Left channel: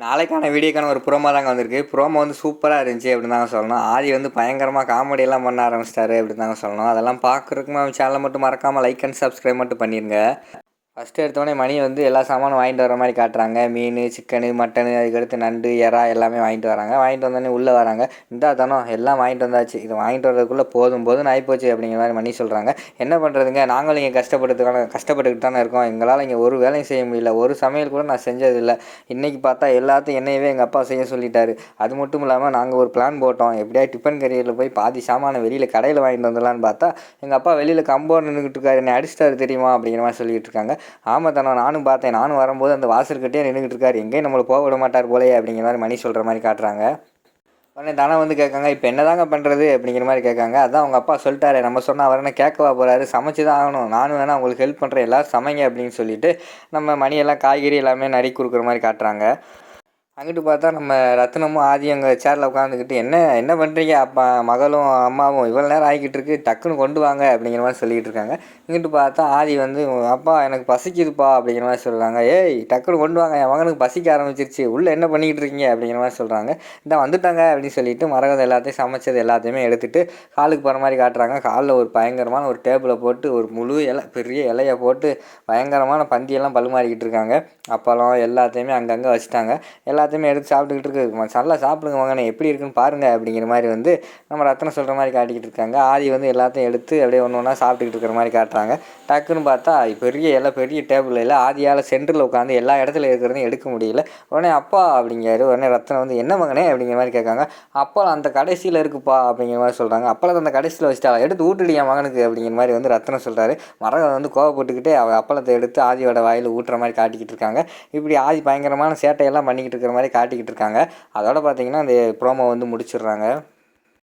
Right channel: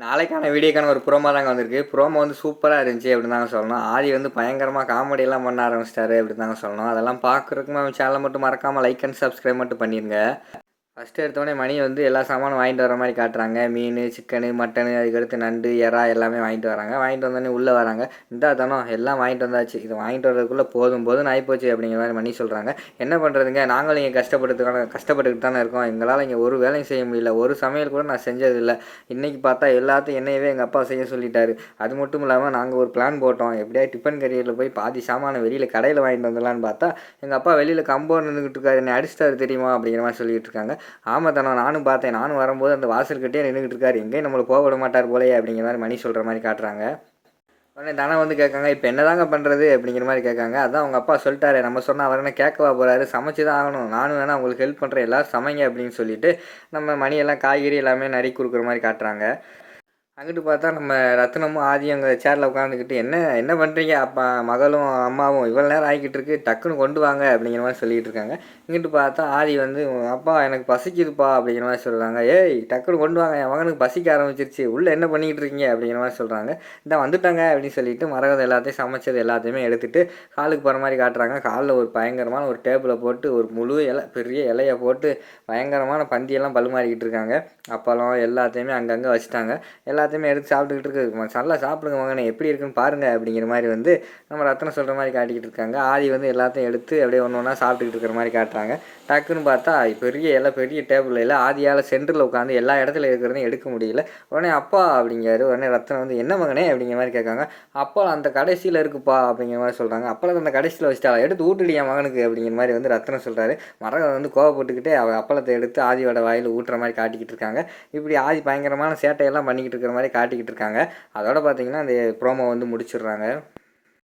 நாளைக்கான வீடியோக்கான ஒரு ப்ரோமோ தாங்க வந்திருக்கு. ப்ரோமோ வந்து சூப்பராக இருந்துச்சு அப்படின்னு தாங்க சொல்லணும். ஆதி வந்து பயங்கரமாக காமெடியெல்லாம் பண்ண ஆரம்பிச்சிட்டாரு அப்படின்னு தாங்க சொல்லணும். அதெல்லாம் பார்க்குறதுக்கு நம்ம சேனலை மட்டும் மறக்காமல் லைக் அண்ட் சப்ஸ்கிரைப் மட்டும் பண்ணிடுங்க. ஃபஸ்ட்டு எடுத்தோடனே மணி வந்து எல்லா சாமானும் வாங்கிட்டு வர மாதிரி காட்டுறாங்க. மீன், சிக்கனு, மட்டனு, அதுக்கடுத்து நண்டு, எறா எல்லாமே வாங்கிட்டு வராங்க. வாங்கிட்டு வந்தோடனே உள்ளே வராங்க. இந்தா தனம் எல்லாம் வாங்கிட்டு வந்தாச்சு, இது வாங்கிட்டு வரதுக்குள்ளே போதும் போதும்னு ஆகிப்போச்சு அப்படிங்கிற மாதிரி மணி சொல்கிறாங்க. என்ன பண்ணுறதுங்க, நாங்களும் இங்கே கஷ்டப்பட்டுக்கிட்டு தானே இருக்கோம். எங்களால் இங்கே ஒரு வேலையும் செய்ய முடியல, ஒரு சமையல் கூட நான் செஞ்சதில்லை. இன்றைக்கி பார்த்தா எல்லாத்தையும் என்னையவே எங்கள் அப்பா செய்ய சொல்லிட்டாரு. அது மட்டும் இல்லாமல் நாங்கள் ஒரு பிளான் போட்டோம், எப்படியா டிஃபன் கரியரில் போய் பாதி சாமானை வெளியில் கடையில் வாங்கிட்டு வந்துடலான்னு பார்த்தா எங்கள் அப்பா வெளியில் கம்போர்டு நின்றுக்கிட்டு இருக்காரு, என்னை அடிச்சிட்டாரு தெரியுமா அப்படிங்கிற மாதிரி சொல்லிகிட்டு இருக்காங்க. ஆமாம் தானே, நானும் பார்த்தேன். நானும் வரும்போது அந்த வாசல்கிட்டே நின்றுக்கிட்டு இருக்காரு, எங்கேயும் நம்மளை போக விட மாட்டார் போலையே அப்படிங்கிற மாதிரி மணி சொல்கிற மாதிரி காட்டுறாங்க. உடனே தானே வந்து கேட்காங்க, இப்போ என்ன தாங்க பண்ணுறது அப்படிங்கிற மாதிரி கேட்காங்க. அதான் அவங்க அப்பா சொல்லிட்டாரு, நம்ம சொன்னால் அவர் என்ன கேட்கவா போகிறாரு, சமைச்சு தான் ஆகணும், நானும் வேணா உங்களுக்கு ஹெல்ப் பண்ணுறேன், எல்லோரும் சமைங்க அப்படின்னு சொல்லிட்டு நம்ம மணியெல்லாம் காய்கறி எல்லாமே நறுக்கி கொடுக்குற மாதிரி காட்டுறாங்க. அங்கிட்டு பார்த்தா நம்ம ரத்னமும் ஆதி அங்கே சேரில் உட்காந்துக்கிட்டு என்ன என்ன பண்ணுறீங்க, அப்பா மகளும் அம்மாவும் இவ்வளோ நேரம் ஆகிக்கிட்டு இருக்கு, டக்குன்னு கொண்டு வாங்க அப்படிங்கிற மாதிரி சொல்லிகிட்டு இருக்காங்க. இங்கிட்டு பார்த்தா ஆதி வந்து அப்பா எனக்கு பசிக்குதுப்பா அப்படிங்கிற மாதிரி சொல்கிறாங்க. ஏய் டக்குன்னு கொண்டு வாங்க, என் மகனுக்கு பசிக்க ஆரம்பிச்சிருச்சு, உள்ளே என்ன பண்ணிக்கிட்டு இருக்கீங்க அப்படிங்கிற மாதிரி சொல்கிறாங்க. இந்த வந்துட்டாங்க அப்படின்னு சொல்லிட்டு மரகதம் எல்லாத்தையும் சமைச்சது எல்லாத்தையுமே எடுத்துகிட்டு ஹாலுக்கு போகிற மாதிரி காட்டுறாங்க. ஹாலில் ஒரு பயங்கரமான ஒரு டேபிளை போட்டு ஒரு முழு இலை, பெரிய இலையை போட்டு பயங்கரமான பந்தியெல்லாம் பழுமாறிக்கிட்டு இருக்காங்க. அப்பளம் எல்லாத்தையுமே அங்கங்கே வச்சுட்டாங்க. எல்லாத்தையுமே எடுத்து சாப்பிட்டுக்கிட்டு இருக்கு. நல்லா சாப்பிடுங்க மகனே, எப்படி இருக்குன்னு பாருங்கள் அப்படிங்கிற மாதிரி வந்து நம்ம ரத்னம் சொல்கிற மாதிரி காட்டிக்கிட்டு இருக்காங்க. ஆதி வந்து எல்லாத்தையும் எடுத்து அப்படியே ஒன்று ஒன்றா சாப்பிட்டுக்கிட்டு இருக்கிற மாதிரி காட்டுறாங்க. டக்குன்னு பார்த்தா பெரிய எல்லாம் பெரிய டேபிள் இல்லை, ஆதியால் சென்டரில் உட்காந்து எல்லா இடத்துல இருக்கிறதையும் எடுக்க முடியல. உடனே அப்பா அப்படிங்கிறாரு. உடனே ரத்னம் வந்து என்ன மகனே அப்படிங்கிற மாதிரி கேட்காங்க. அப்பா அந்த கடைசியில் இருக்குப்பா அப்படிங்கிற மாதிரி சொல்கிறாங்க. அப்பளத்தை அந்த கடைசியில் வச்சுட்டா, எடுத்து ஊட்டுடி என் மகனுக்கு அப்படிங்கிற மாதிரி வந்து ரத்னம் சொல்கிறாரு. மரகதம் வந்து கோவப்பட்டுக்கிட்டே அப்பளத்தை எடுத்து ஆதியோட வாயில் ஊட்டுற மாதிரி காட்டிக்கிட்டு இருக்காங்க. இப்படி ஆதி பயங்கரமான சேட்டையெல்லாம் பண்ணிக்கிட்டு இருக்கிற மாதிரி காட்டிக்கிட்டு இருக்காங்க. அதோட பார்த்தீங்கன்னா அந்த ப்ரோமோ வந்து முடிச்சிடுறாங்க.